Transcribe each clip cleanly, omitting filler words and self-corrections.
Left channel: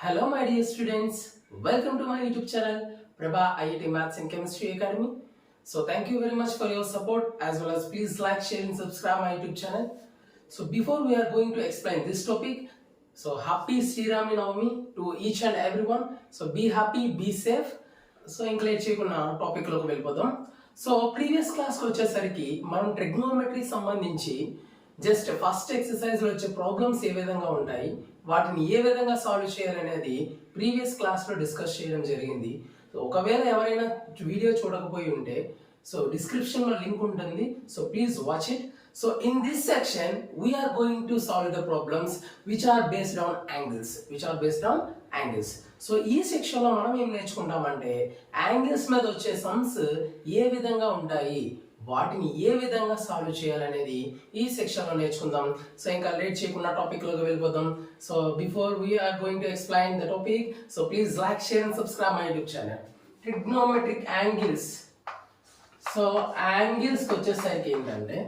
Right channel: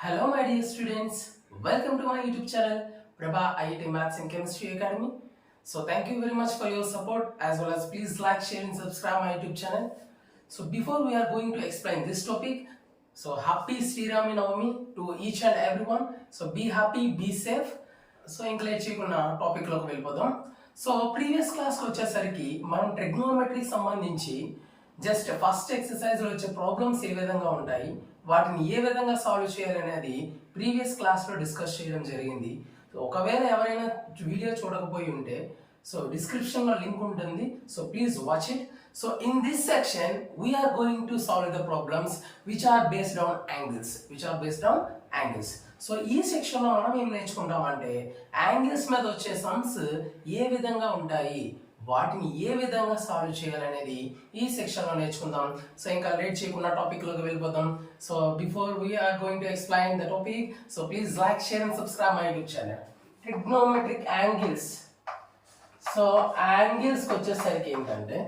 Hello, my dear students. Welcome to my YouTube channel, Prabha IIT Maths and Chemistry Academy. So, thank you very much for your support as well as please like, share, and subscribe my YouTube channel. So, before we are going to explain this topic, so happy Sri Rami Navami to each and everyone. So, be happy, be safe. So ఇంకా late చేయకుండా టాపిక్లోకి వెళ్ళిపోదాం. So previous క్లాస్కి వచ్చేసరికి మనం ట్రిగ్నోమెట్రీకి సంబంధించి just first ఎక్సర్సైజ్లో వచ్చే problems ఏ విధంగా ఉంటాయి, వాటిని ఏ విధంగా సాల్వ్ చేయాలనేది ప్రీవియస్ క్లాస్లో డిస్కస్ చేయడం జరిగింది. సో ఒకవేళ ఎవరైనా వీడియో చూడకపోయి ఉంటే సో డిస్క్రిప్షన్లో లింక్ ఉంటుంది. So please watch it. So in this section we are going to solve the problems which are based on angles. So ఈ సెక్షన్లో మనం ఏం నేర్చుకుంటామంటే యాంగిల్స్ మీద వచ్చే సమ్స్ ఏ విధంగా ఉంటాయి, వాటిని ఏ విధంగా సాల్వ్ చేయాలనేది ఈ సెక్షన్లో నేర్చుకుందాం. సో ఇంకా లేట్ చేయకుండా టాపిక్లోకి వెళ్ళిపోదాం. So before we are going to explain the topic, so please like, share and subscribe my YouTube channel. Trigonometric angles. So యాంగిల్స్కి వచ్చేసరికి ఏంటంటే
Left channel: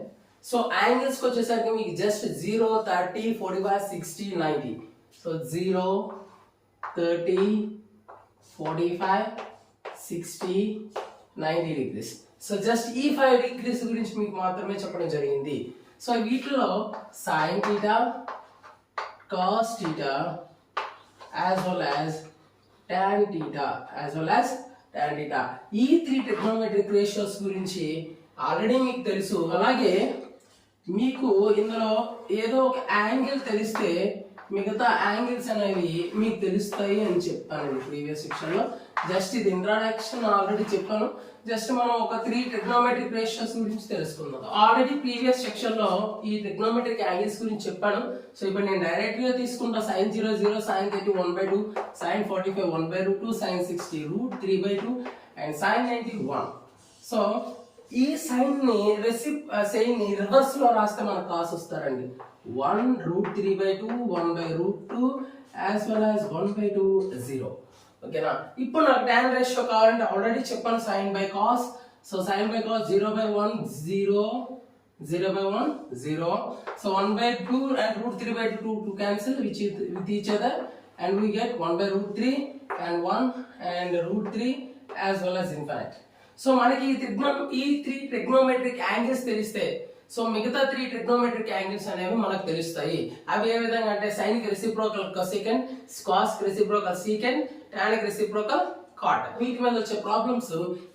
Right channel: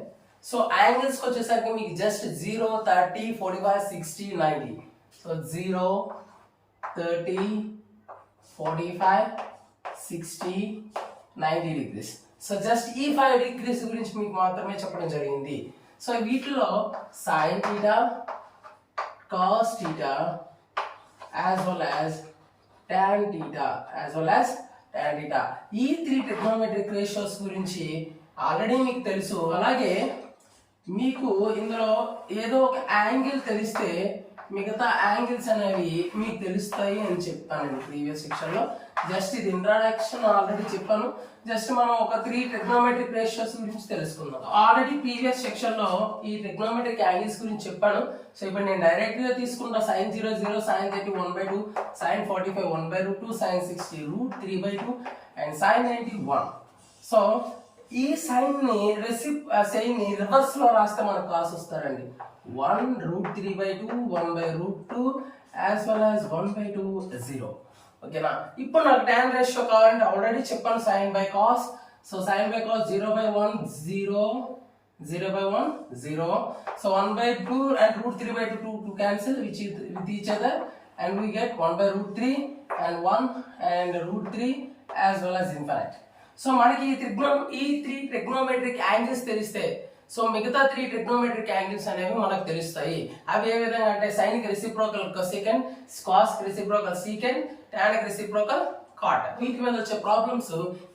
సో యాంగిల్స్కి వచ్చేసరికి మీకు just 0, 30, 45, 60, 90. So 0, 30, 45, 60, 90 degrees. So just ఈ 5 డిగ్రీస్ గురించి మీకు మాత్రమే చెప్పడం జరిగింది. సో వీటిలో sine theta, cos theta as well as tan theta ఈ 3 ట్రిగ్నోమెట్రిక్ రేషియోస్ గురించి ఆల్రెడీ మీకు తెలుసు. అలాగే మీకు ఇందులో ఏదో ఒక యాంగిల్ తెలిస్తే మిగతా యాంగిల్స్ అనేవి మీకు తెలుస్తాయి అని చెప్తానండి ప్రీవియస్ సెక్షన్లో. జస్ట్ ఇది ఇంట్రడక్షన్ ఆల్రెడీ చెప్పాను. జస్ట్ మనం ఒక 3 ట్రిగ్నోమెట్రిక్ రేషియోస్ గురించి తెలుసుకుందాం. ఆల్రెడీ ప్రీవియస్ సెక్షన్లో ఈ ట్రిగ్నోమెట్రిక్ యాంగిల్స్ గురించి చెప్పాను. సో ఇప్పుడు నేను డైరెక్ట్గా తీసుకుంటా. sin 0, 0, sin 30, 1/2, sin 45, 1/2, sin 60, √3/2 and sin 90, 1. So ఈ సైన్ ని రివర్స్ లో రాస్తే మనకు కాస్ వస్తారండి. 1 √3/2, 1/2 యాజ్ వెల్ యాజ్ 1/2, 0. ఓకేనా? ఇప్పుడు నాకు టాన్ రేషియో కావాలంటే ఆల్రెడీ చెప్పాను sine by cos. So sine by cos 0/1, 0, 0/1, 0. So 1/2 and √3/2 to cancel with each other and we get 1/√3 and 1 and √3 as well as infinite. So మనకి ఈ 3 trigonometric angles తెలిస్తే so మిగతా 3 trigonometric angles అనేవి మనకు తెలుస్తాయి. అవి ఏ విధంగా అంటే సైన్ కి రెసిప్రోకల్ కొసెకండ్, కాస్ కి రెసిప్రోకల్ సీకెండ్, టాన్ కి రెసిప్రోకల్ కాట్. వీటి మీద వచ్చే ప్రాబ్లమ్స్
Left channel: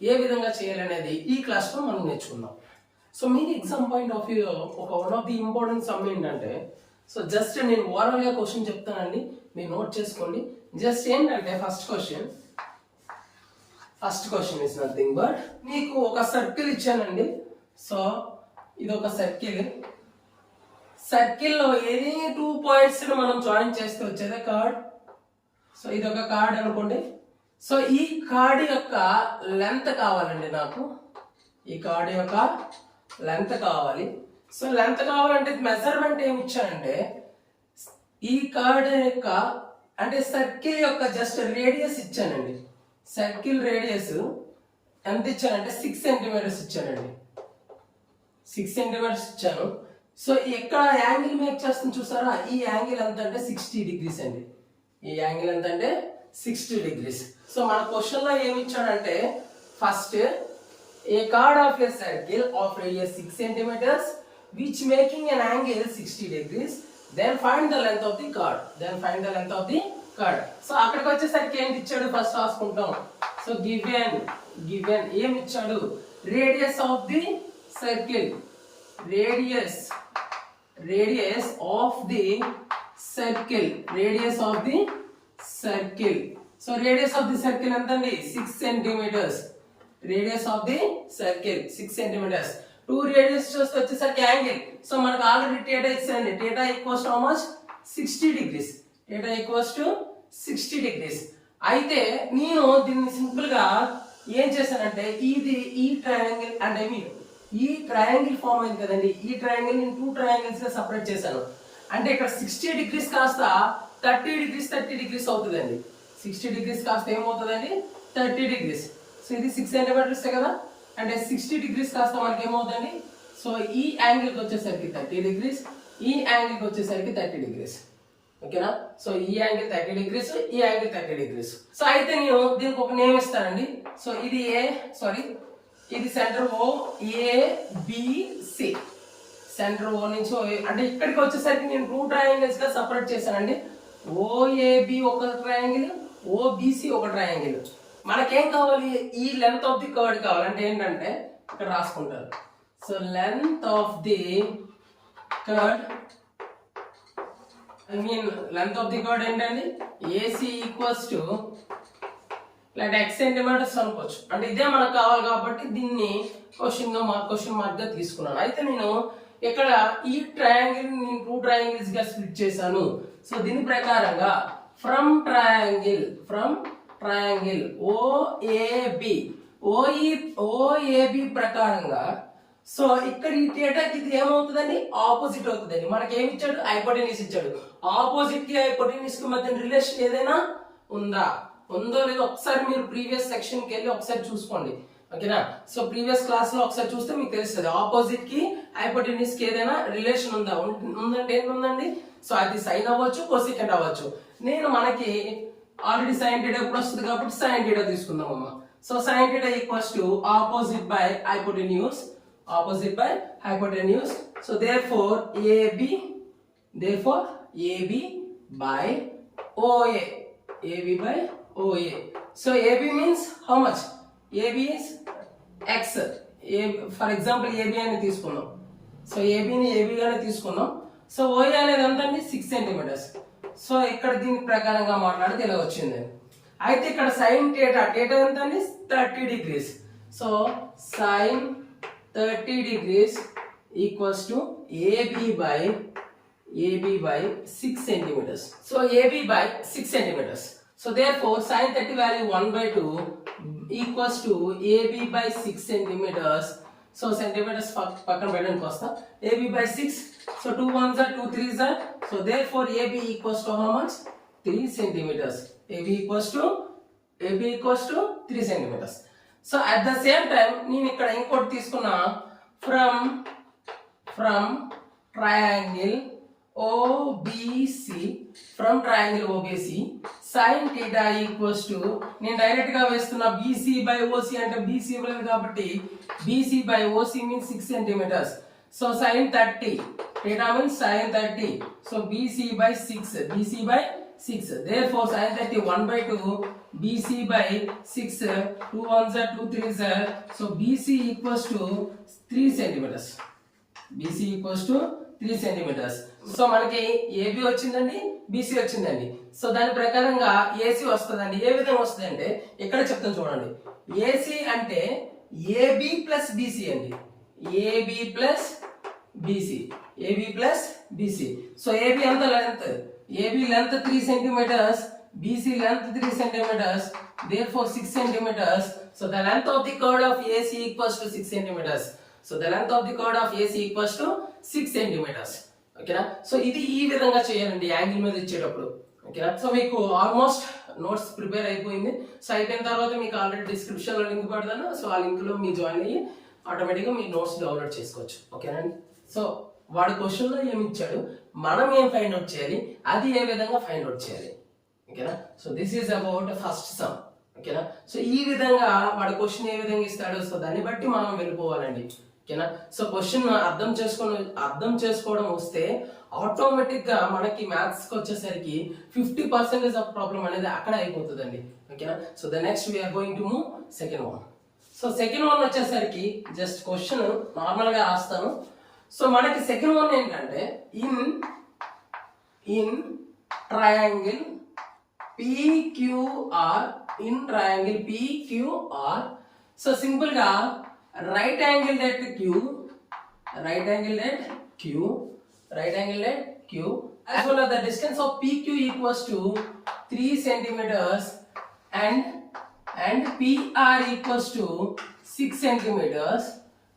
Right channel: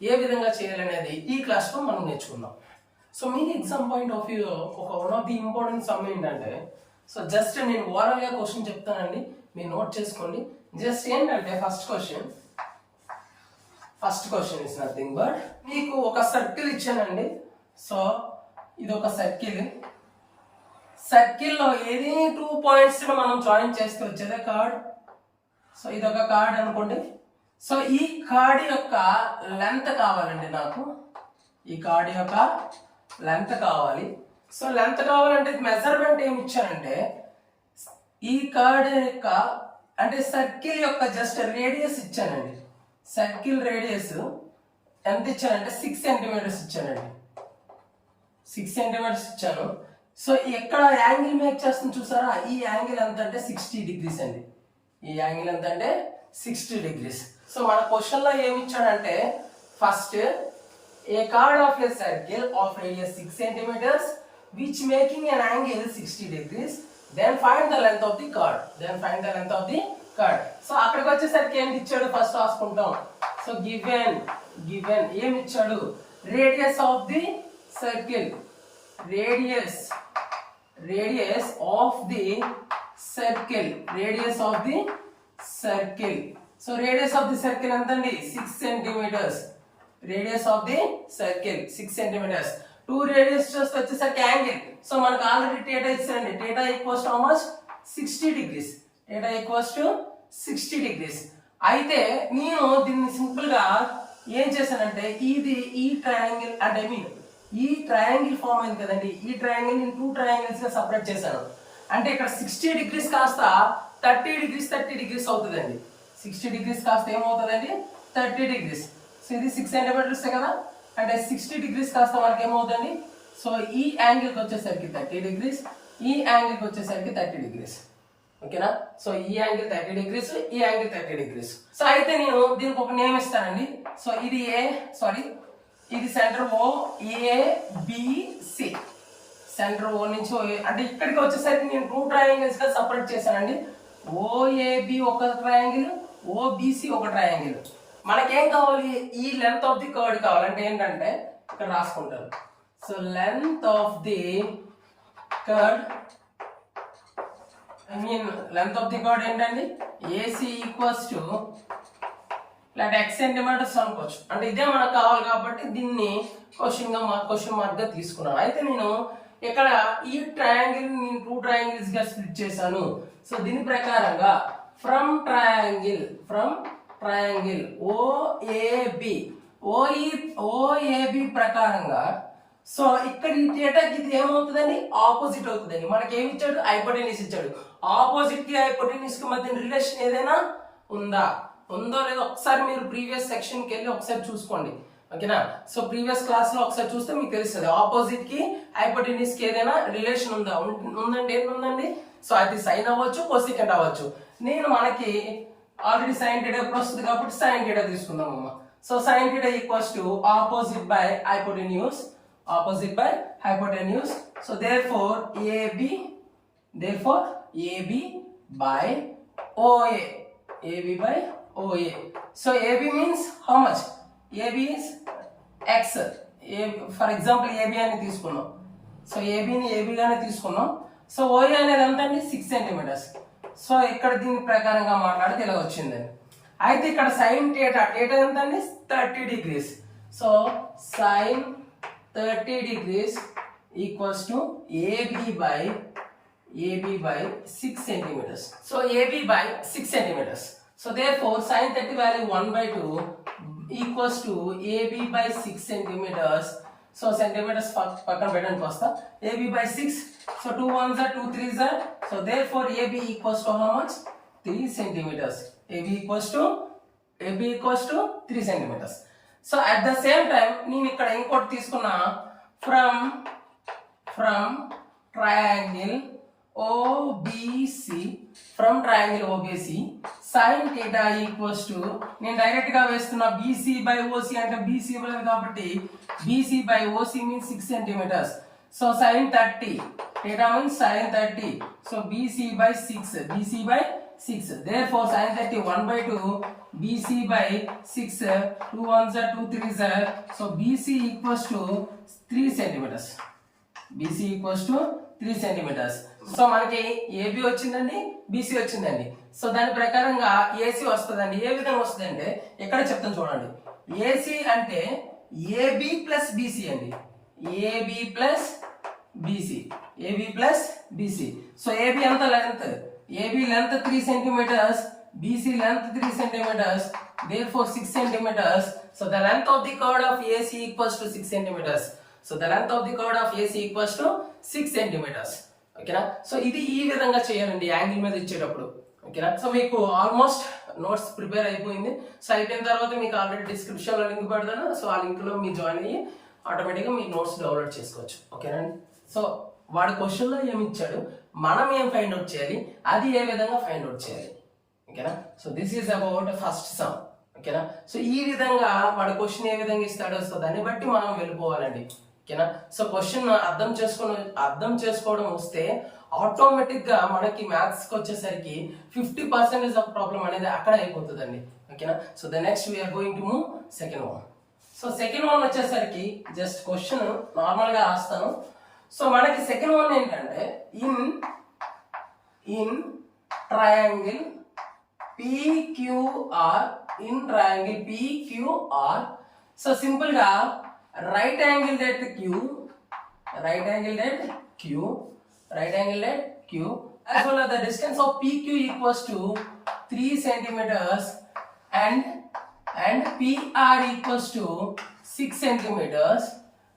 ఏ విధంగా చేయాలనేది ఈ క్లాస్ లో మనం నేర్చుకుందాం. సో మీకు ఎగ్జామ్ పాయింట్ ఆఫ్ వ్యూ ఒక one of the important some ఏంటంటే సో జస్ట్ నేను ఓరల్ గా క్వశ్చన్ చెప్తానండి, మీరు నోట్ చేసుకోండి. జస్ట్ ఏంటంటే first question is nothing but మీకు ఒక సర్కిల్ ఇచ్చానండి. సో ఇది ఒక సర్కిల్లో ఏది 2 పాయింట్స్ మనం జాయిన్ చేస్తే వచ్చేదే కార్డ్. సో ఇది ఒక కార్డ్ అనుకోండి. సో ఈ కార్డ్ యొక్క లెంత్ కావాలండి నాకు. ఈ కార్డ్ యొక్క లెంత్ కావాలి. సో లెంత్ కావాలంటే మెజర్మెంట్ ఏమి ఇచ్చానంటే ఈ కార్డ్ యొక్క అంటే సర్కిల్ యొక్క జస్ట్ రేడియస్ ఇచ్చానండి. సర్కిల్ రేడియస్ ఎంత ఇచ్చానంటే 6 సెంటీమీటర్స్ ఇచ్చానండి. 6 సెంటీమీటర్స్ ఇచ్చాను. సో ఎక్కడ యాంగిల్ మేక్ చేస్తుంది చూసారా, ఈ యాంగిల్ ఎంత అంటే 60 డిగ్రీస్ అండి. ఈ యాంగిల్ ఎంత అంటే 60 డిగ్రీస్. సో మన క్వశ్చన్ లో ఏమి ఇచ్చాడంటే first a chord of a circle of radius 6 centimetres which making an angle 60 degrees, then find the length of the card. So అక్కడికి వచ్చేసరికి ఏంటి ఇచ్చాడు ఫస్ట్ రాసుకుంటాం. సో గివెన్ ఏమి ఇచ్చాడు, radius of the circle, radius of the circle. So radius of the circle ఎంతండి 6 centimetres. Radius of the circle 6 centimetres. 2 radius వచ్చేసరికి angle. So మనకు ఆల్రెడీ టేటా ఇచ్చారండి. Theta equals to how much 60 degrees. Theta equals to 60 degrees. అయితే నేను దీన్ని simple గా ఏం చేశానంటే ఈ ట్రయాంగిల్ అంటే ఈ ట్రయాంగిల్ ఫామ్ అయింది కదండి. ఈ ట్రయాంగిల్ నేను 2 ట్రయాంగిల్స్ గా సపరేట్ చేశాను. అంటే ఇక్కడ 60 డిగ్రీస్ కాస్త 30 డిగ్రీస్ అవుతుందండి. 60 డిగ్రీస్ కాస్త ఏమవుతుందండి 30 డిగ్రీస్. సో ఇది 6 సెంటీమీటర్స్ కదా, అంటే 60 డిగ్రీస్ కాస్త మనకి ఏమవుతుంది. సో ఈ యాంగిల్కి వచ్చేసరికి 30 డిగ్రీస్, ఈ యాంగిల్కి వచ్చేసరికి 30 డిగ్రీస్. ఓకేనా. సో ఈ యాంగిల్ 30 degrees, ఈ యాంగిల్ 30 degrees. సో అయితే నేను దీనికి ఒక నేమ్ ఇస్తానండి. సో ఇది ఇది centre O ABC, centre O నుంచి అంటే ఇక్కడికి వచ్చేసరికి నేను 2 ట్రయాంగిల్స్ గా సపరేట్ చేశానండి. OAB ఒక ట్రయాంగిల్, OBC ఒక ట్రయాంగిల్. మనకేం కావాలి, ఈ లెంత్ ఆఫ్ ది కర్డ్ కావాలంటే ఏంటంటే ఇక్కడ రాసుకుంటారు. So length of the curd, length of the curd ఏంటండి, AC ఈక్వల్స్ టు ఇలాంటి X సెంటీమీటర్స్ అనుకోవచ్చు. అంటే ఇదే మనకు కావాలి కాబట్టి దీన్ని క్వశ్చన్ మార్క్ గా తీసుకున్నాను. అయితే నేను ఇక్కడ ఈ ట్రయాంగిల్ నేను 2 ట్రయాంగిల్స్ గా స్ప్లిట్ చేశాను. సో దీని ప్రకారంగా ఫ్రమ్ ట్రయాంగిల్ OAB ప్రకారంగా, సో ఇక్కడ ఈ థీటాకి ఇది ఏమవుతుందండి, ఆపోజిట్ అవుతుందండి. మనకి ఏమి ఇచ్చాడు, హైపోటెన్యూస్ ఇచ్చాడు. ఆపోజిట్ కి హైపోటెన్యూస్ కి మధ్య రిలేషన్ ఏదైనా ఉందో లేదో ఒకసారి మీరు ప్రీవియస్ సెక్షన్ కి వెళ్ళి ఒకసారి చూసుకోండి. ఓకేనా. సో ప్రీవియస్ క్లాస్ లో ఒకసారి చూస్తే మీకు తెలుస్తుంది ఆపోజిట్ కి హైపోటెన్యూస్ కి ఏదైనా రిలేషన్ ఉందండి. ఏంటండి, సో అది సైన్ అవ్వచ్చు, కోసికెంట్ అవ్వచ్చు. నేను మనకి ఆల్రెడీ సైన్ థీటా ఎప్పుడు వస్తుంది కాబట్టి సైన్ థీటా తీసుకుందాం అమ్మ. So sine theta equals to opposite by hypotenuse. So therefore AB by OA. So AB means how much? AB is X. For example AB అని తీసుకున్నాం. సో AB ని AB గానే తీసుకున్నాం. సో OA అనేది ఎంతండి, 6 centimeters. So ఇక్కడ దీని ప్రకారంగా మాట్లాడితే ఇలా వచ్చిందండి. అయితే ఇక్కడ సైన్ థీటా ఎంత అండి, 30 degrees. So sine 30 degrees equals to AB by 6 centimeters. So AB by 6 centimeters. So therefore sin 30 value 1/2 equals to AB by 6 centimeters. So centimeters పక్కన పెట్టడానికి వస్తా. AB by 6. So 2 1s are 2 3s are. So therefore AB equals to how much? 3 centimeters. AB equals to 3 centimeters. So at the same time నేను ఇక్కడ ఇంకోటి తీసుకున్నా, from triangle OBC, sin theta equals to, నేను direct గా వేస్తున్నా BC by OC అంటే BC ఇవ్వలేదు కాబట్టి BC by OC means 6 centimeters. So sin 30 theta means sin 30. So BC by 6. Therefore sin 30 1/2 BC by 6. 2 1s are 2 3s are. So BC equals to 3 centimeters. So మనకి AB వచ్చిందండి, BC వచ్చిందండి. So దాని ప్రకారంగా AC వస్తుందండి. ఏ విధంగా వస్తుందంటే ఇక్కడ చెప్తాను చూడండి. AC అంటే AB ప్లస్ BC అండి. AB plus BC. So AB ఎంత length, AB length 3 centimeters, BC length 3 centimeters, therefore 6 centimeters. So the length of the chord of AC equals to 6 centimeters. So the length of the chord of AC equals to 6 centimeters. ఓకేనా. So ఇది ఈ విధంగా చేయాలండి angle మీద ఇచ్చేటప్పుడు. ఓకేనా. So మీకు almost notes prepare అయిపోయింది. సో అయిపోయిన తర్వాత మీకు ఆల్రెడీ డిస్క్రిప్షన్ లో లింక్ పెడతాను. సో ఆ లింక్ లో మీరు జాయిన్ అయ్యి ఆటోమేటిక్గా మీ నోట్స్ డౌన్లోడ్ చేసుకోవచ్చు. ఓకేనండి. సో వాడి క్వశ్చన్ లో ఏమి ఇచ్చాడు, మనం ఏం ఫైండ్ అవుట్ చేయాలి, అది ఏ విధంగా ఫైండ్ అవుట్ చేయాలి. ఓకేనా. So this is about first some. ఓకేనా. సో ఈ విధంగా వాడు క్వశ్చన్ ఏ విధంగా ఇస్తాడో సో దాన్ని బట్టి మనం వెళ్ళిపోవాలండి. ఓకేనా. సో క్వశ్చన్ అర్థం చేసుకోవడం వస్తే ఆటోమేటిక్ గా మనకి మ్యాథ్స్ కి వచ్చేసరికి 50% ఆఫ్ ప్రాబ్లం అనేది అక్కడ అయిపోతుందండి. ఓకేనా. So the next we are going to move second one. So second one వచ్చేసరికి జస్ట్ క్వశ్చన్ నార్మల్ గా రాస్తాను. సో మనకి సెకండ్ వన్ ఏంటంటే in triangle PQR, so simple గా right angled at Q as well as the distance of PQ equals to 3 centimeters and PR equals to 6 centimeters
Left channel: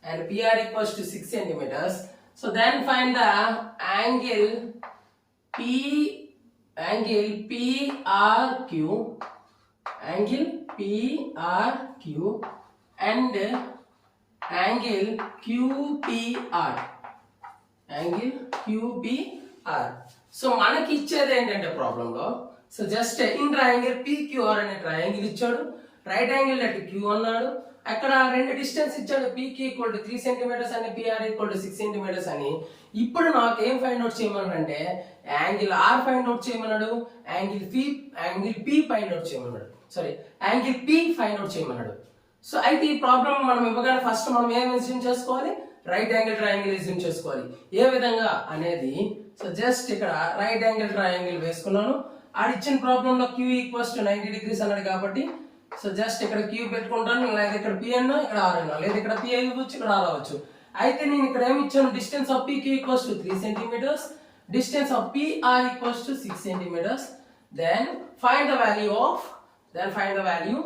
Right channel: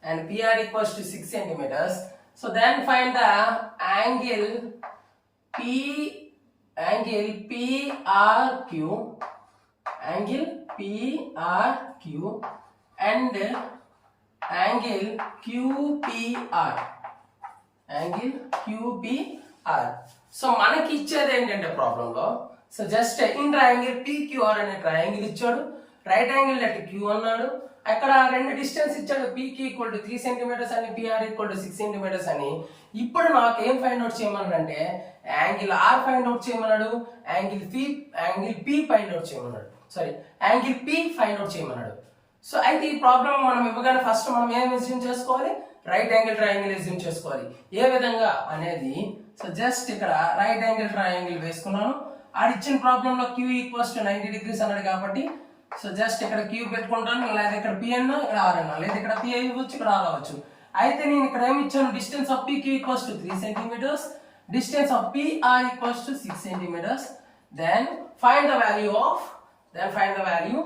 and PR equals to 6 centimeters. So then find the angle PRQ and angle QPR. So మనకి ఇచ్చేది ఏంటంటే ప్రాబ్లంలో, so just in triangle PQR అనే triangle ఇచ్చాడు, right angle at queue అన్నాడు, అక్కడ రెండు distance ఇచ్చాడు, పీకి ఈక్వల్ టు 3 సెంటీమీటర్స్ అని, పిఆర్ ఈక్వల్ టు 6 సెంటీమీటర్స్ అని. ఇప్పుడు నాకు ఏం ఫైండ్ అవుట్ చేయమన్నాడు అంటే యాంగిల్ ఆర్ ఫైండ్ అవుట్ చేయమన్నాడు, యాంగిల్ పి ఫైండ్ అవుట్ చేయమన్నాడు, sorry angle P find out చేయమన్నాడు. సో అయితే ఈ ప్రాబ్లం మనం ఇవ్వగానే ఫస్ట్ మనం ఏం ఎస్యూమ్ చేసుకోవాలి, రైట్ యాంగిల్ ట్రయాంగిల్ ఎస్యూమ్ చేసుకోవాలి. ఏ విధంగా అనేది, సో జస్ట్ ఇక్కడ రైట్ యాంగిల్ ట్రయాంగిల్ వేసుకున్నాను. ఆడిచ్చిన ప్రాబ్లంలో క్యూ ఈక్వల్స్ టు 90 degrees అన్నాడు కాబట్టి సో జస్ట్ ఇక్కడ క్యూ పెట్టుకుంటాను, లేదా ఇక్కడ పి అన్నా ఇక్కడ ఆర్ అన్నా, లేదా ఇక్కడ పి అవ్వచ్చు ఇక్కడ ఆర్ అవ్వచ్చు. అయితే నేను ఇక్కడ ఏమి ఇచ్చాను, distance of P Q equals to 3 centimetres, distance of P R equals to 6 centimetres. Then find the value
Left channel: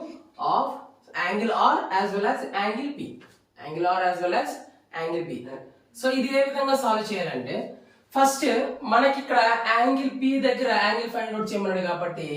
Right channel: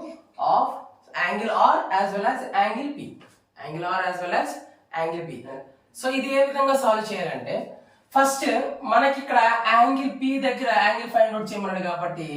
of angle R as well as angle P, angle R as well as angle P. So ఇది ఏ విధంగా solve చేయాలంటే, first మనకి ఇక్కడ angle P దగ్గర angle find out చేయమన్నాడు కాబట్టి,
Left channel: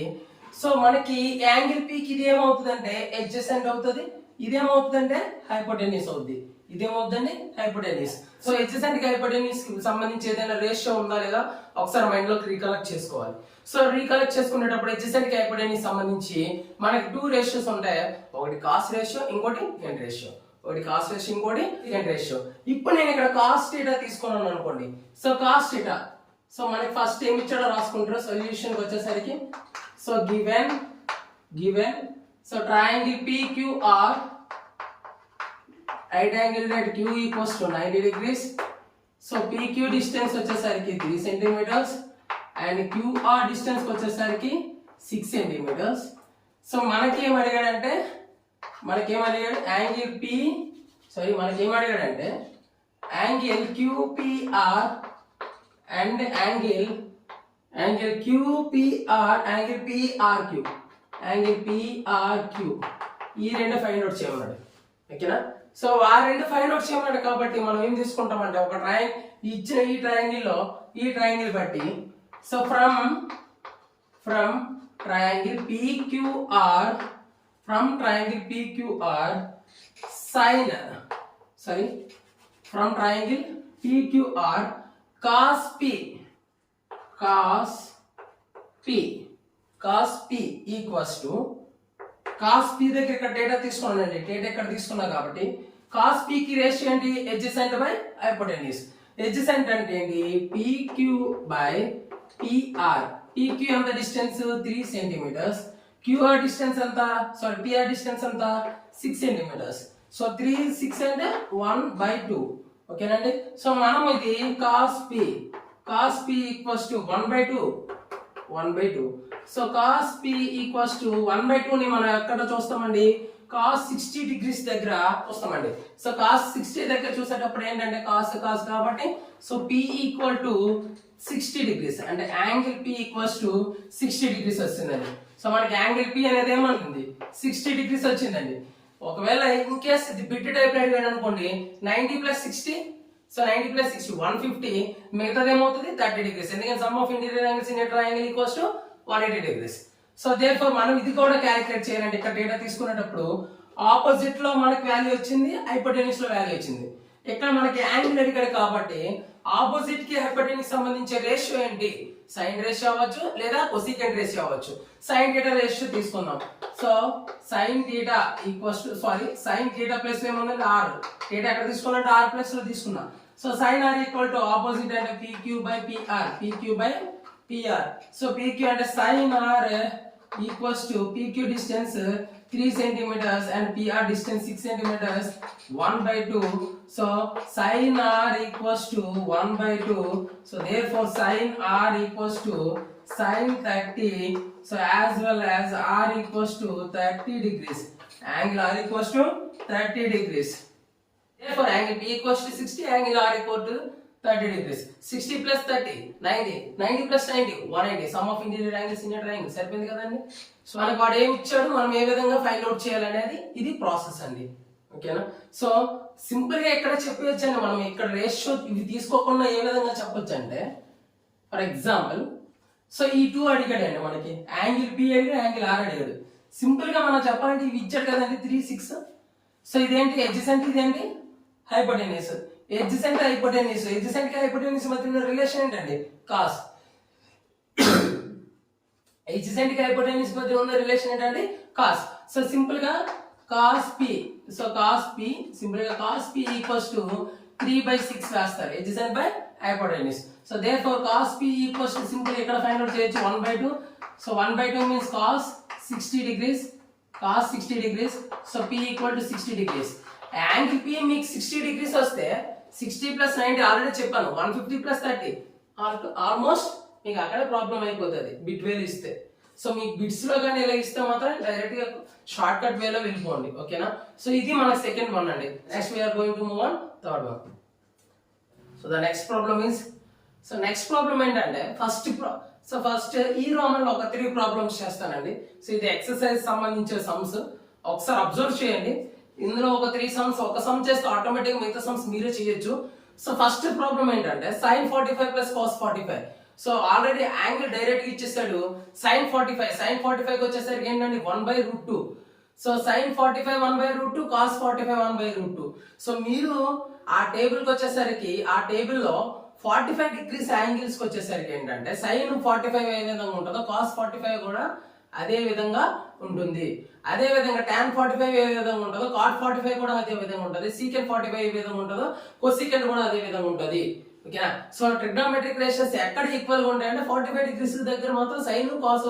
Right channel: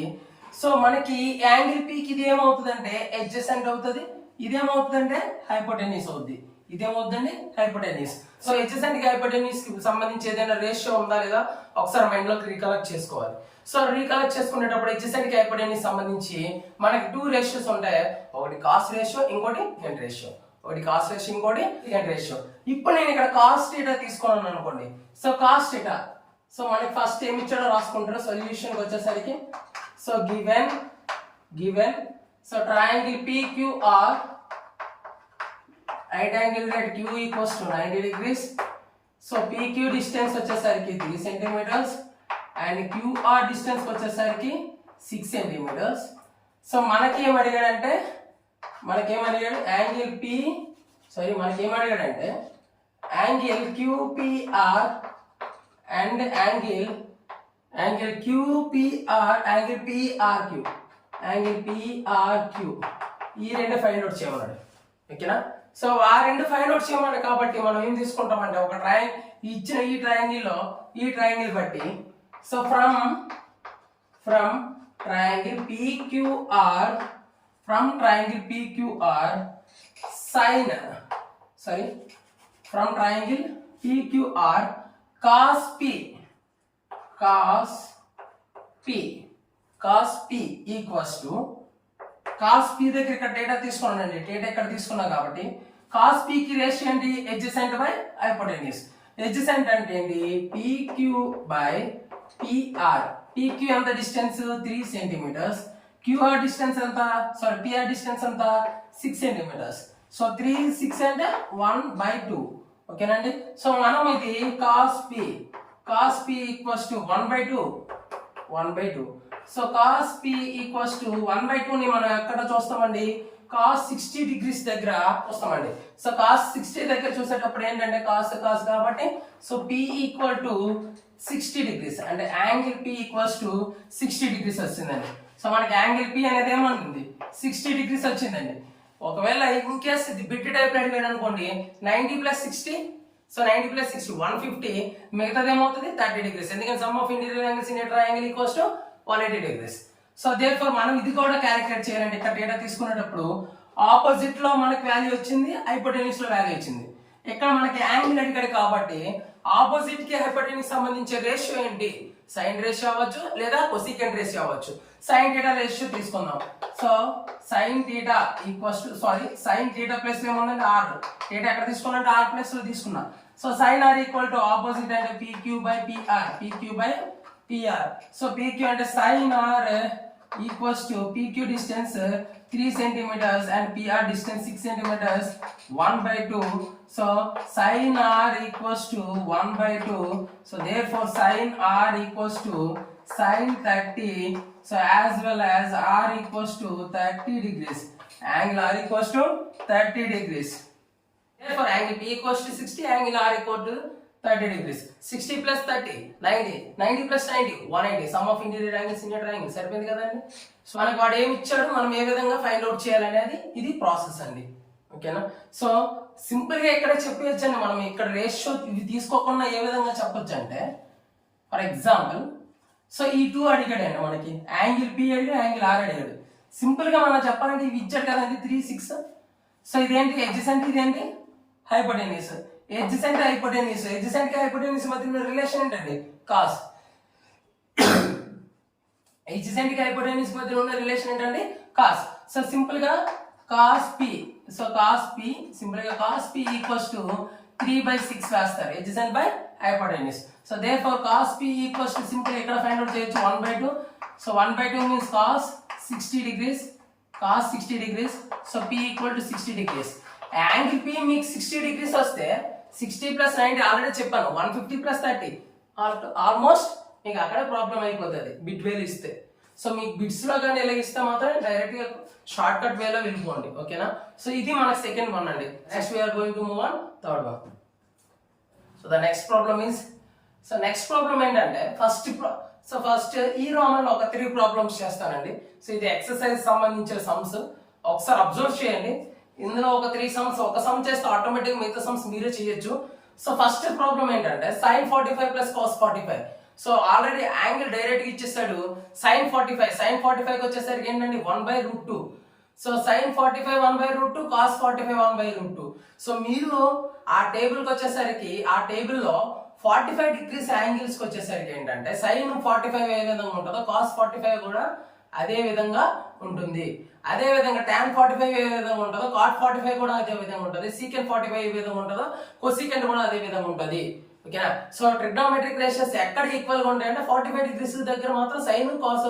so మనకి యాంగిల్ పికి ఇది ఏమవుతుందంటే అడ్జసెంట్ అవుతుంది, ఇదేమవుతుందంటే హైపోటెన్యూస్ అవుద్ది, ఇదేమవుతుందండి హైపోటెన్యూస్. సో అడ్జసెంట్ కి హైపోటెన్యూస్ కి సంబంధించి ఏదైనా రేషియో ఉందా లేదా ఒకసారి మైండ్ లోకి రీకలెక్ట్ చేసుకోవాలి. సో రీకలెక్ట్ చేసుకునేటప్పుడు అడ్జసెంట్ కి హైపోటెన్యూస్ సంబంధించి మనకి 2 రేషియోస్ ఉంటాయి, ఒకటి కాస్ట్ రేషియో, ఇంకోటి గెంట్ రేషియో, ఒకటి కాస్ట్ రేషియో, ఇంకోటి గెంట్ రేషియో. ఇప్పుడు నేను ఇక్కడ కాస్ట్ థీటా తీసుకున్నాను అనుకోండి, సో కాస్ట్ థీటా, సో మనకి ఫస్ట్ ఏమి ఇచ్చాడో రాసుకుంటారు సొల్యూషన్ వచ్చేసరికి. So given so triangle PQR, right angle at Q equals to 90 degrees. So PQ distance వచ్చేసరికి 3 సెంటీమీటర్స్ అండ్ QR డిస్టెన్స్ వచ్చేసరికి 6 సెంటీమీటర్స్. సో మనకి ఏం అడిగాడంటే angle angle QPR and angle PRQ ఈ రెండు ఫైండ్ అవుట్ చేయమన్నాడు. ఓకేనా? సో ఆ రెండు ఫైండ్ అవుట్ చేయమన్నాడు కాబట్టి మనం ఏం తీసుకుంటామంటే ఒక ఇచ్చిన ఈ ట్రయాంగిల్ బట్టి, so from triangle PQR cos P equals to cos P దగ్గర ఇక్కడ డేటా తీసుకున్నానండి, డేటా ఇక్కడ తీసుకున్నా కాబట్టి cos P కి రేషియో ఏంటి, అడ్జసెంట్ బై హైపోటెన్యూస్. అడ్జసెంట్ అంటే ఏంటి, PQ బై PR. PQ ఎంత డిస్టెన్స్ 3 సెంటీమీటర్స్, QR డిస్టెన్స్ ఎంత, సారీ PR డిస్టెన్స్ ఎంత 6 సెంటీమీటర్స్. సో 3 6 అంటే 1/2. ఓకేనండి? సో మనం ఇది cos P equals to 1/2. So cos P equals to 1/2 ని మనం ఎక్కడ చూస్తామండి, cos 60 degrees దగ్గర చూస్తామండి. సో cos 60 దగ్గర చూసేటప్పుడు ఏంటంటే cos కాబట్టి, so P equal to 60 degrees అంటే angle P equals to 60 degrees వస్తుందండి. సో మనకి యాంగిల్ P అనేది ఏమంటుంది 60 degrees వచ్చిందండి. ఒకవేళ ఇన్ కేస్ ఇది బిట్ టైప్ అడిగాడు అనుకోండి 90 + 60, సో 90 + 60 150, మిగతాది ఏమవుతుంది 30 degrees. ఎందుకంటే some of interior angles in a triangle equals to 180 degrees. So therefore మనం ఇది కూడా క్యాలిక్యులేట్ చేయాలంటే ఇక్కడ డేటా తీసుకునేటప్పుడు ఆపోజిట్ లో మనకి వాల్యూ వచ్చింది, హైపోటెన్యూస్ లో వాల్యూ వచ్చింది. ఇక్కడ మనకి యాంగిల్ అడిగాడు కాబట్టి ఆపోజిట్ కి హైపోటెన్యూస్ సంబంధించే రేషియో ఏంటి, సైన్ రేషియో అవ్వచ్చు లేదా కొసీకెంట్ రేషియో అవ్వచ్చు. సైన్ థీటా రేషియో తీసుకుందాం. సో సైన్ థీటా ప్లస్ ఏముందంటే ఆర్, థీటా ఎక్కడ తీసుకున్నట్టు ఆర్ ప్లస్ లో తీసుకున్నా. So sine R equal to opposite అంటే PQ by PR. So PQ అంటే sin R equals to PQ distance 3 centimetres and PR distance 6 centimetres 1/2. So sin R equals to 1/2. So therefore sin R equals to sin 30. So as well as R equals to 30 degrees. Angle R equals to 30 degrees. Therefore angle P equals to 60, angle R equal to 30 degrees. 60 + 30 90, 90 + 90 180. Some of interior angles in triangle. సరిపోయింది కదండి? So మనకి వాడు ఏమి ఇచ్చాడు, మనం ఏ విధంగా find out చేయాలనేది ఇది ప్రాసెస్ అండి. ఓకేనా? సో సింపుల్ గా ఇక్కడ చెప్పవచ్చు అండి, మనం ఇక్కడ రేషియో ఇవి తీసుకోకుండా ఏ విధంగా చెప్పొచ్చు అంటే, ఫర్ ఎగ్జాంపుల్ సో ఈ 2 అడిగాడండి మనకి, యాంగిల్ P అడిగాడు, యాంగిల్ R అడిగాడు. సింపుల్ గా మనం చెప్పాలంటే ఇవి ఇచ్చాడు కదండి 3 6. సో ఇదేంటి అడ్జసెంట్, ఇదేంటి హైపోటెన్యూస్. అడ్జసెంట్ కి హైపోటెన్యూస్ మధ్య రిలేషన్ ఏంటండి, కాస్. ఎడ్జసెంట్ కి హైపోటెన్యూస్ మధ్య ఉన్న రిలేషన్ ఏంటంటే కాస్. సో సింపుల్ గా cos P, so cos P simple గా కాస్ పి ఈక్వల్స్ టు 3/6 వేస్తారు adjacent by hypotenuse. So therefore cos P equals to simple ఇక్కడ ఫైండ్ అవుట్ చేయొచ్చు 1/2. So 1/2 means cos 60 degrees, cos 60 degrees. So p equal to 60 degrees. Angle p మీకు 60 degrees వస్తే 60 + 90 already చెప్పాను 150 + 30 almost మీకు అక్కడ problem అయిపోతుంది bit వేలు ఇస్తే. సో మీకు బిట్స్ లో కానీ ఎలా ఇస్తే మాత్రం డైరెక్ట్ గా షార్ట్ కట్ వేలో వెళ్ళిపోండి, ఓకేనా. సో ఇది మనకి సెకండ్ వన్ అండి. Next we are going to move on third one. So the next problem is, so next problem ఏంటంటే ఫస్ట్ ఈ రోమన్ లో ఒక 3 ప్రాబ్లమ్స్ చేస్తానండి. సో ఇది ఎక్సర్సైజ్ సంబంధించిన సమ్స్, ఒకసారి అబ్జర్వ్ చేయండి. ఇందులో ఒక 3 సమ్స్, ఒక సమ్ చేస్తే ఆటోమేటిక్ మిగతా సమ్స్ మీరే చేయొచ్చు. సో ఫస్ట్ ప్రాబ్లం ఏంటంటే sin 45 + cos 45. So already angle direct గా ఇచ్చేసాడు sin 45 వచ్చేసరికి ఏంటంటే 1/√2. So sin 45 1/√2, cos 45 1/√2. సో మీరు ఆ టేబుల్ కి వచ్చేసరికి ఆ టేబుల్ లో 45 degrees యాంగిల్స్ కి వచ్చేసరికి ఏంటంటే sin 45 ఏ విధంగా ఉంటుందో cos 45 కూడా అదే విధంగా ఉంటుంది. అదే విధంగా tan 45 ఏ విధంగా ఉంటుందో cot 45 కూడా అదే విధంగా ఉంటుంది. secant 45 ఏ విధంగా ఉంటుందో cosecant కూడా అదే విధంగా ఉంటుంది, ఓకేనా. సో ట్రిగ్నోమెట్రిక్ రేషియోస్ ఎక్కడ ఈక్వల్ గా ఉంటాయంటే 45 degrees దగ్గర మాత్రం sin cos,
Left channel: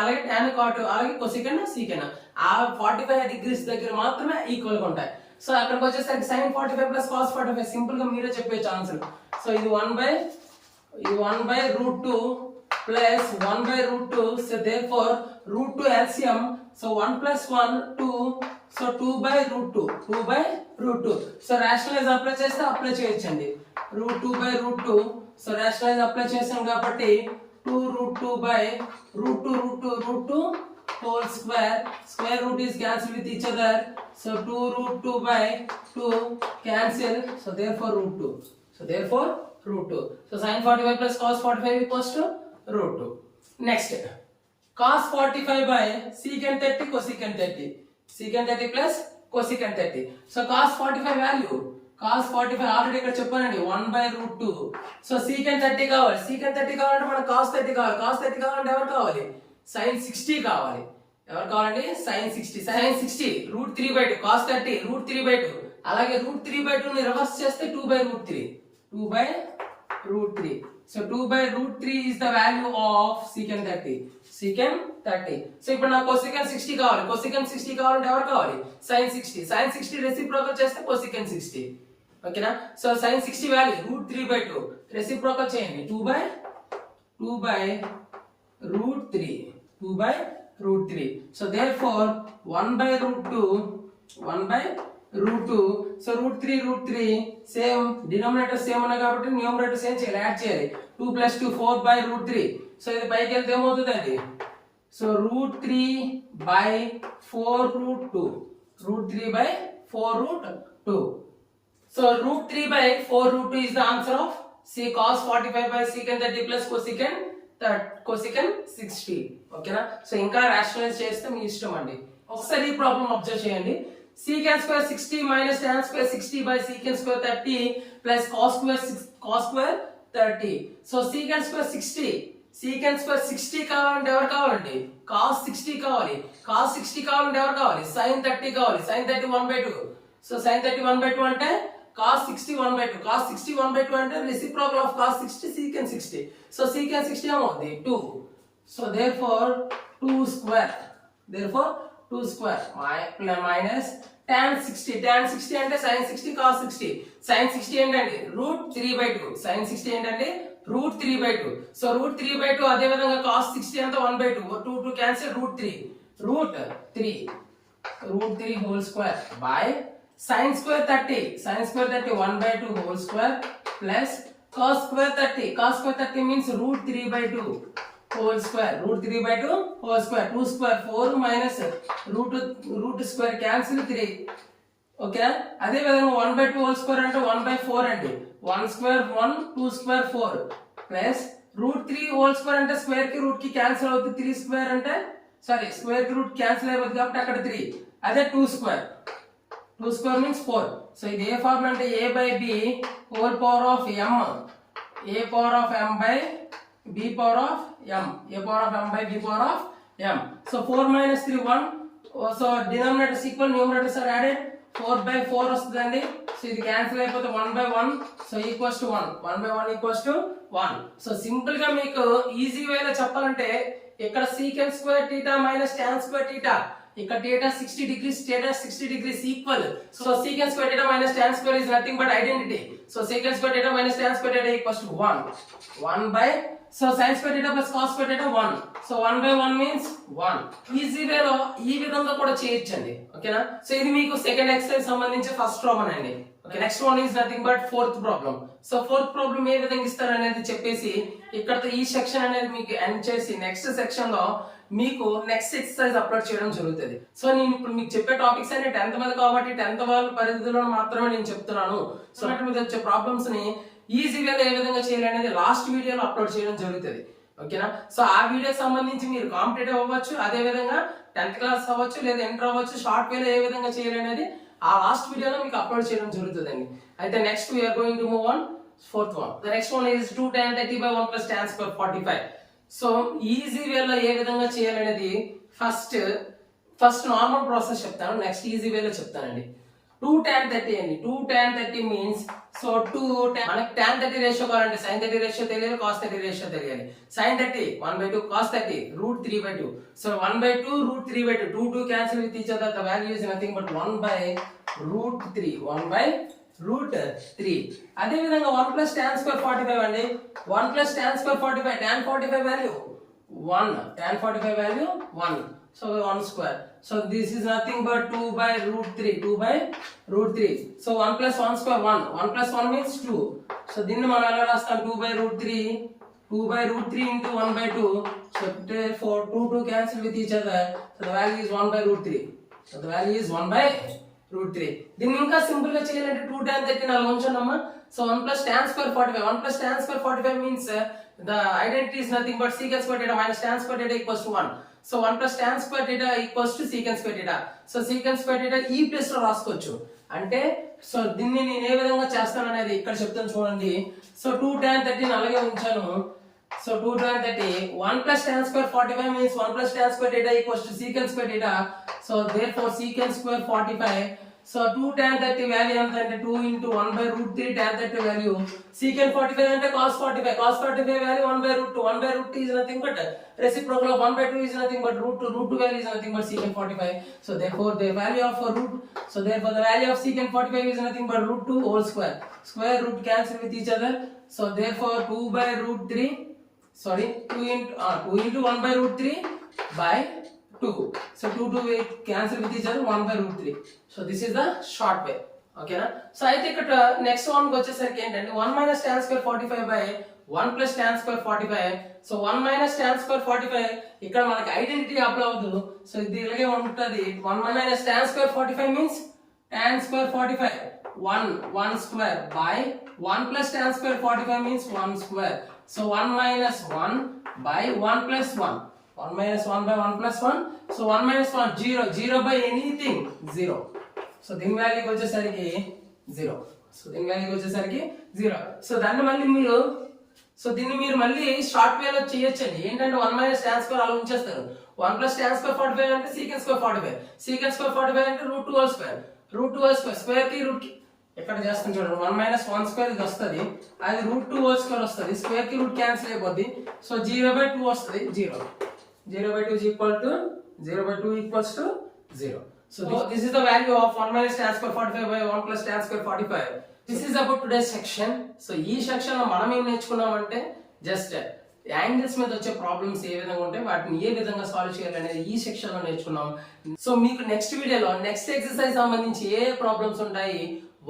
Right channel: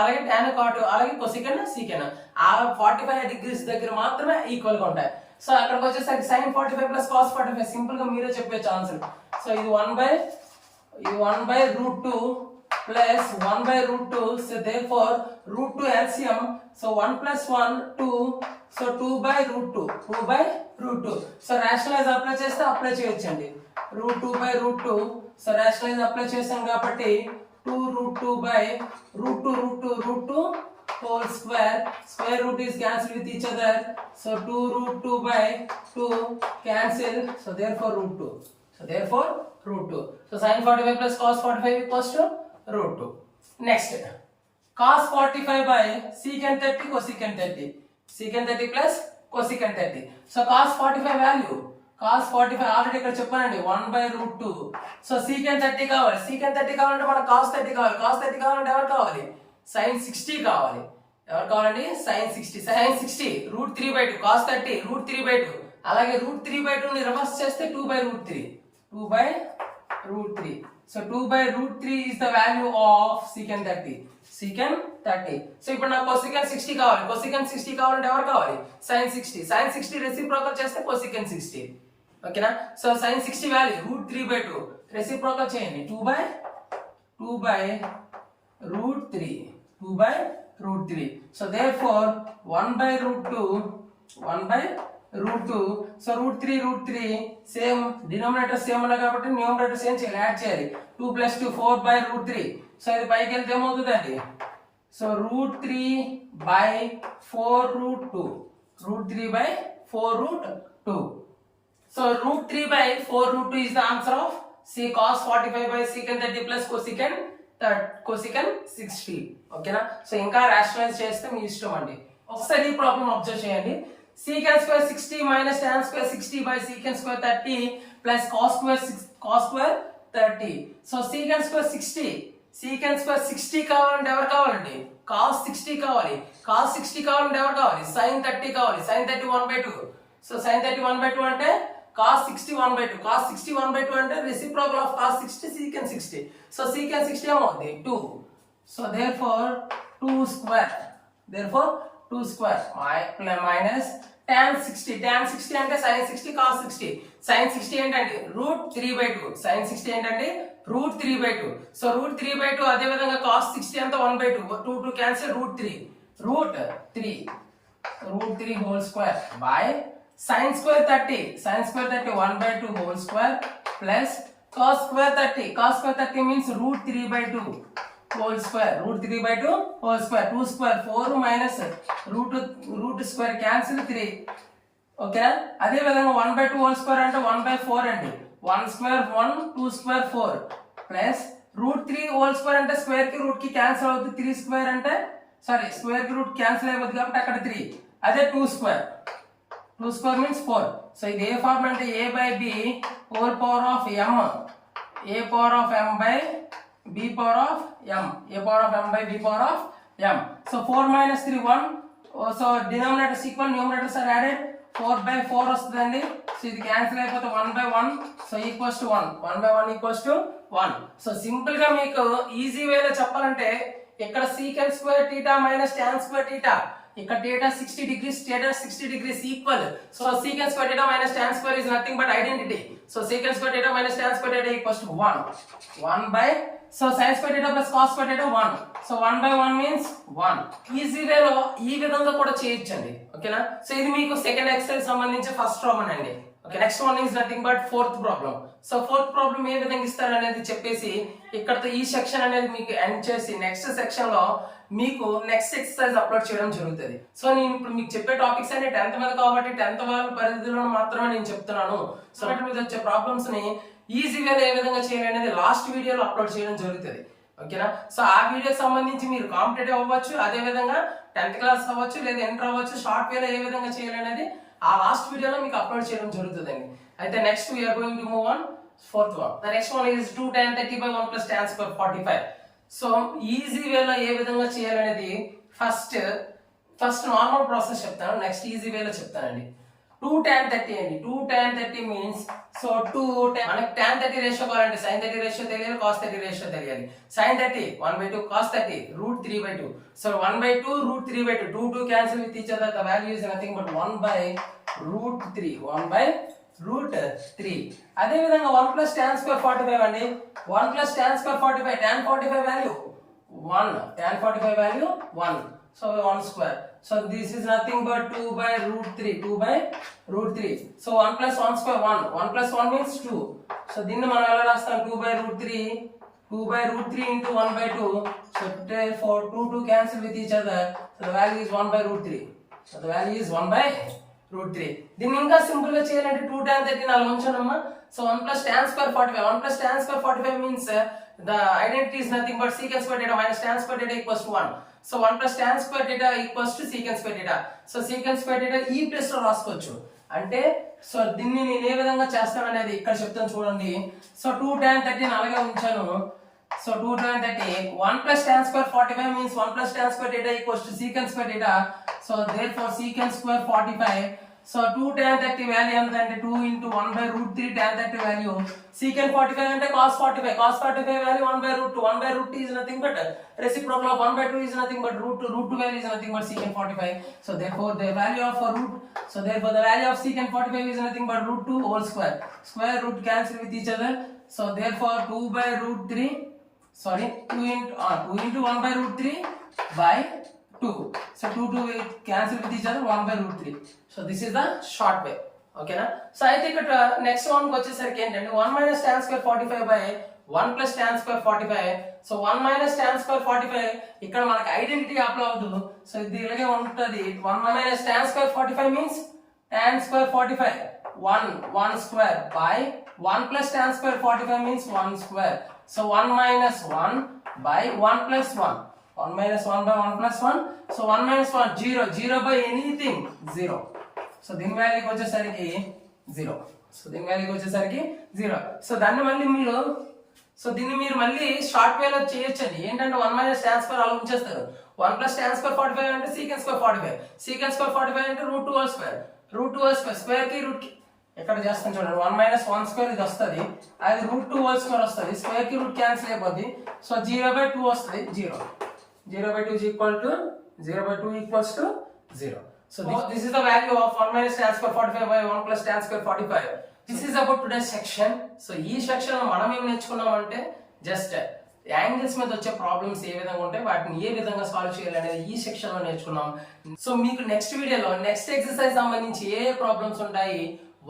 అలాగే tan cot, అలాగే cosecant secant ఆ 45 degrees దగ్గర మాత్రమే ఈక్వల్ గా ఉంటాయి. సో అక్కడికి వచ్చేసరికి sin 45 + cos 45 సింపుల్ గా మీరే చెప్పేచ్చు ఆన్సర్. సో ఇది 1/√2 plus 1/√2. So therefore √2 LCM. So 1 + 1 2. So 2/√2. So rationalize apply చేస్తే అప్లై చేయొచ్చండి. √2/√2. So rationalize apply చేసాం కాబట్టి 2√2/√2 whole square. Square root is cancelled with each other. So 2√2/2 cancel. So therefore √2. So sin 45 + cos 45 equals to √2. Next, cos 45 secant 30 cosecant 30. Secant 30 plus cosecant 30. So cos 45 value, cos 45 already ఇక్కడ చెప్పానండి 1/√2. So secant 30 కావాలి. secant 30 కావాలంటే మనకు cos 30 కావాలి. cos 30 కావాలంటే ఎవరు కావాలి? sin 60 కావాలి. ఎవరు కావాలండి? sin 60. sin 60 √3/2, cos 30 √3/2. అలాగే √3/2 ని రివర్స్ చేస్తే 2/√3. 2/√3. So 2/√3 is the value of secant 30. So ఇప్పుడు నాకు cosecant 60 కావాలి. cosecant 60 కావాలంటే ఎవరు కావాలి? sin 60. sin 60 రెసిప్రోకల్ చేస్తే cosecant 60, ఓకేనా. సో sin 60 వాల్యూ √3/2 రెసిప్రోకల్ చేయండి 2/√3. So therefore 1/√2. So √3 same denominator same ఉన్నాయి కాబట్టి న్యూమరేటర్ సేమ్ చేయాలి, యాడ్ చేయాలి. 2 + 2 4/√3. సో ఇది పైకి వెళ్తే ఏమవుతుంది అండి? So √3/4√2. So √3/4√2 is the answer of C cos 45 secant 30 plus cosecant 60, ఓకేనా. సో ఇంకా రాషనలైజ్ చేస్తే మీ ఇష్టం అండి. ఒకసారి ఈ ప్రాబ్లం అబ్జర్వ్ చేయండి. secant square 60 minus tan square 60 by secant square 30 plus cos square 30. So secant square 60 కావాలంటే ఎవరు కావాలండి? cos 60 కావాలి. cos 60 కావాలంటే ఎవరు కావాలి? sin 30 కావాలి. sin 30 1/2. సో sin 30 1/2 అంటే cos 60 1/2. cos 60 1/2 అంటే reciprocal of cos 60 secant 60. So secant 60 ఏమవుతుంది? 2. So therefore 2 square minus tan 60. tan 60 అంటే sin 60 cos 60. sin 60 ఏంటండి? √3/2. sin 60 ఏంటంటే √3/2. సో √3/2 అదే విధంగా cos 60 అంతా 1/2. 2 cancel √3 whole square by sin square 30 1/2 whole square plus cos square 30 means √3/2 whole square. 2 square 4 minus root square cancel 3, ఓకేనా. అదే విధంగా 1/2 whole square అంటే 1/4 అండి. 1 square 1, 2 square 4 plus √3 whole square అంటే స్క్వేర్ కి రూట్ కి క్యాన్సిల్ అవుతుంది. 3 స్క్వేర్ అంటే స్క్వేర్ కి రూట్ క్యాన్సిల్ అయిపోతుంది కాబట్టి అక్కడ 3. అదే 2 స్క్వేర్ మీన్స్ 4. సో ఇది ఏ ఫార్ములా అంటే a/b whole power of m by b power of m, a power of m by b power of m. So 4 minus 3 1. So denominators equal, numerators are added. 4 by 4 వస్తుందండి. So ఇది cancel అయిపోతే 1 by 1, so equals to 1. 1 by 1 equals to 1. So simple గా మీకు easy వేలో చెప్పాలంటే ఇక్కడ secant square theta minus tan square theta, ఇక్కడ theta 60 degrees, theta 60 degrees equal. So secant square theta minus tan square is nothing but identity. So secant square theta minus tan square theta equals to 1. 1 by, so sin square theta plus cos square theta 1. So 1 by 1 means 1. Easy వేలో ఈ విధంగా కూడా చేయొచ్చండి. ఓకేనా? So ఇది మీకు second exercise సంబంధించి first problem అండి. Okay, next one is nothing but fourth problem. So fourth problem ఏ విధంగా ఇస్తారు అనేది చెప్పేసి ఇక్కడతో ఈ సెక్షన్ అనేది మీకు ఎండ్ చేసి నెక్స్ట్ సెక్షన్ లో మీకు నెక్స్ట్ ఎక్సర్సైజ్ అప్లోడ్ చేయడం జరుగుతుంది. సో నేను ఇప్పుడు మీకు చెప్పే టాపిక్స్ అన్ని 10th మీద కాబట్టి 10th వాళ్ళ పరిధిలో మాత్రమే నేను చెప్తున్నాను. సో మీద వచ్చే ప్రాబ్లమ్స్ ని ఈజీ వేలో ఏ విధంగా చేయాలనేది లాస్ట్ వీడియోలో అప్లోడ్ చేయడం జరుగుతుంది. ఓకేనా? సో ఆ వీడియోకి సంబంధించి మీరు కాంపిటేటివ్ అవ్వచ్చు, అదే విధంగా 10th క్లాస్ అవ్వచ్చు, లేదా ఇంటర్ అవ్వచ్చు, షార్ట్ వేలో ఏ విధంగా చేయాలనేది ఆ లాస్ట్ వీడియోలో మీకు అప్లోడ్ చేయడం జరుగుతుందండి. అయితే next we are going to move on fourth one. The next one is 2 tan 30 by 1 plus tan square 45. So easy వేలో ఏ విధంగా చేయాలనేది ఫస్ట్ నార్మల్ ప్రాసెస్ చెప్తాను, నెక్స్ట్ ఈజీ వేలో చెప్తానండి. 2 tan 30 అండి. 2 tan 30 మీన్స్, సో 2 మనకి tan 30 రేషియో కావాలంటే sin 30 రేషియో తెలియాలి, cos 30 రేషియో తెలియాలి. sin 30 1/2, cos 30 √3/2. So 1/2 √3/2. 2 cancel with each other. The value is nothing but 1/√3. 1/√3. అదే విధంగా 1 plus tan square 45 అండి. 1 plus tan square 45. tan 45 value 1. tan 45 value 1. So 1 square. So this is nothing but 2/√3. 2/√3. So 1 plus 1 square 1. 1 plus 1 means 2. So దీన్ని మనం ఎలా రాస్తాం? 2/√3. 2/√3 into 1/2. So therefore 2 cancel with each other. So the value is 1/√3. So the value is 1/√3. దీన్ని ఇంకా simple గా చేయాలంటే 2 tan 30 నాలుగు ఉంచండమ్మా. So 1 plus tan square 45. 1 plus tan square 45 means the identity is nothing but secant square theta minus tan square theta equals to 1. So 1 plus tan square theta equals to secant square theta. So secant square theta ఈ place లో రాసుకోవచ్చు. అంటే so దీన్ని నేను ఏ విధంగా చేస్తాను అనేది ఇక్కడ చెప్తాను చూడండి. సో 2 tan 30 అలాగే ఉంచాను. So 2 tan 30 1 plus tan square 45 means 1 plus tan square theta equals to secant square theta. So therefore secant square 45. So 2 tan 30 value ఎంత అంటే 2 into 1/√3 tan 30 వాల్యూ. secant 45 అంటే cos 45. cos 45 value 1/√2. 1/√2 is nothing but reciprocal of 1/2 is nothing but √2. √2 value is nothing but secant 45. So therefore the value of therefore the value of secant 45 is nothing but √2 whole square. Square root cancel with each other. So therefore 2/√3, sorry 2 into 1/√3 by 2. So 2 will cancel with each other 1/√3. So this is the short way. Okay na? So I think next one వచ్చేసరికి ఏంటంటే 1 minus tan square 45 by 1 plus tan square 45. So 1 minus tan square 45 ఇక్కడ మనకి identity apply అవ్వదు. So ఇది ఇలాగే ఉంటుంది. 1 minus tan square 45 means tan square 45 1 square by 1 plus tan square 45 means 1 square. So 1 minus 1 by 1 plus 1. 1 minus 1 by 1 plus 1. So 1 minus 1 0. 0 by anything 0. So దీని వాల్యూకి వచ్చేసరికి 0. So దీని వాల్యూకి వచ్చేసరికి 0. సో దీన్ని మీరు మళ్ళీ షార్ట్ వేలో చేయొచ్చండి. ఏంటంటే 1 minus tan square అలా ఉంచేస్తారు. 1 plus tan square 45 అంటే secant square 45. secant square 45 అంటే √2 whole square. √2 whole square. Square కి రూట్ కి ఎక్కడ చేస్తాం చూడండి. 1 minus 1 square ఇది వస్తుంది. అది √2 whole square వస్తుంది. స్క్వేర్ కి రూట్ క్యాన్సిల్ అయిపోద్ది. సో 0/2 వస్తుంది. 0. 0/2 is equal to 0/2 equals to 0. So this is the value of 1 minus tan square 45 by 1 plus tan square 45. This is about today's section. So ఈ section లో మనం ఏం నేర్చుకున్నామంటే just angles మీద వచ్చే problems ఏ విధంగా ఉంటాయి, వాటిని ఏ విధంగా సాల్వ్ చేయాలి అనేది ఈ సెక్షన్ లో నేర్చుకున్నాం. సో మీకు నెక్స్ట్ వీడియోలో నెక్స్ట్ ఎక్సర్సైజ్ సంబంధించి ఏ ప్రాబ్లమ్స్ ఉంటాయి,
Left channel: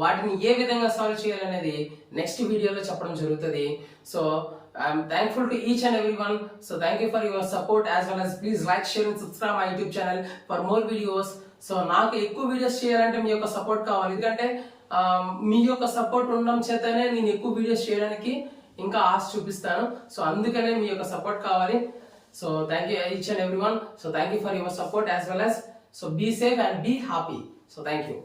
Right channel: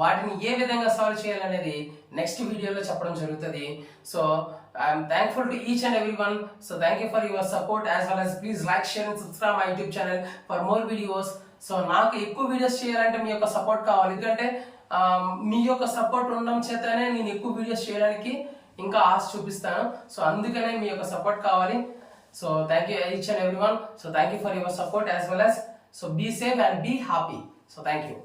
వాటిని ఏ విధంగా సాల్వ్ చేయాలనేది నెక్స్ట్ వీడియోలో చెప్పడం జరుగుతుంది. So I'm thankful to each and everyone. So thank you for your support as well as please like, share and subscribe my YouTube channel for more videos. So నాకు ఎక్కువ videos చేయాలంటే మీ యొక్క support కావాలి. ఎందుకంటే మీ యొక్క సపోర్ట్ ఉండడం చేతనే నేను ఎక్కువ వీడియోస్ చేయడానికి ఇంకా ఆశ చూపిస్తాను. సో అందుకనే మీ యొక్క సపోర్ట్ కావాలి. So thank you each and everyone. So thank you for your support as well as so be safe and be happy. So thank you.